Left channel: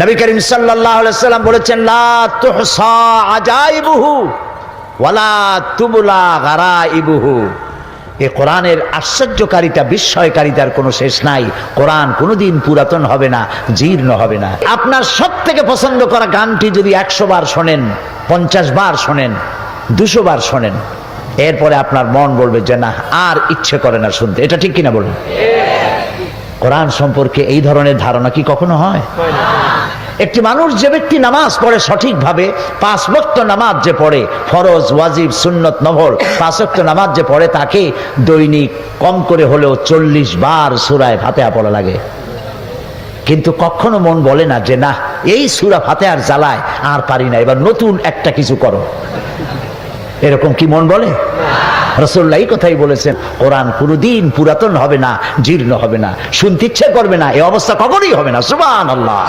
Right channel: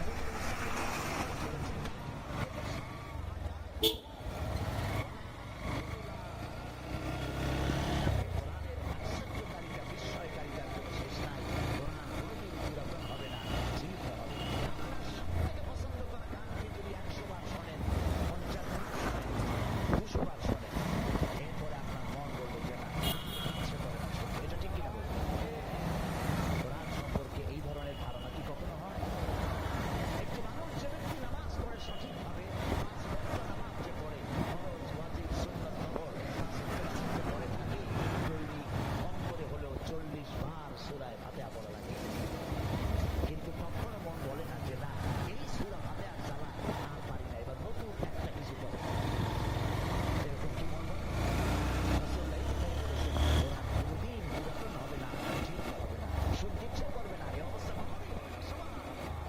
নবী করিম সাল্লাল্লাহু আলাইহি ওয়াসাল্লাম বলেছেন, লা তুহসা আজাইবুহু ওয়ালা তুবলা গারাইবুহু। এই কোরআনের আশ্চর্যকারিতা, বিস্ময়কারিতার কোনো শেষ নাই। কোরআন কোনোদিন পুরাতন হবে না, জীর্ণ হবে না। আপনার সব থেকে পছন্দ করা গানটি যদি 100 বার শোনেন, 50 বার শোনেন, 200 বার শোনেন, এরপরে আপনার মন বলবে যে না, আর ইচ্ছে করে না শুনতে। এটা ঠিক কিনা বলুন? কোরআন সম্পর্কে এই ধরনের ধারণা কি কখনো হয়? একটি মানুষ, যে ব্যক্তি নামাজ পড়ে সঠিকভাবে, 5 ওয়াক্ত নামাজ যে পড়ে, ফরজ, ওয়াজিব, সুন্নত, নফল 5 ওয়াক্ত নামাজ যে পড়ে, তাকে দৈনিক কম করে হলেও 40 বার সূরা ফাতিহা পড়া লাগে। কিন্তু কখনো মন বলে না যে না, এই সূরা ফাতিহার জ্বালায় আর পারি না, এবার নতুন একটা কিছু করো। এরকম কি মন বলে? রাসূলুল্লাহ এই কথাই বলেছেন, কোরআন কোনদিন পুরাতন হবে না, জীর্ণ হবে না, শুনতে ইচ্ছে করবে না, এই অবস্থা কখনোই হবে না। সুবহানাল্লাহ।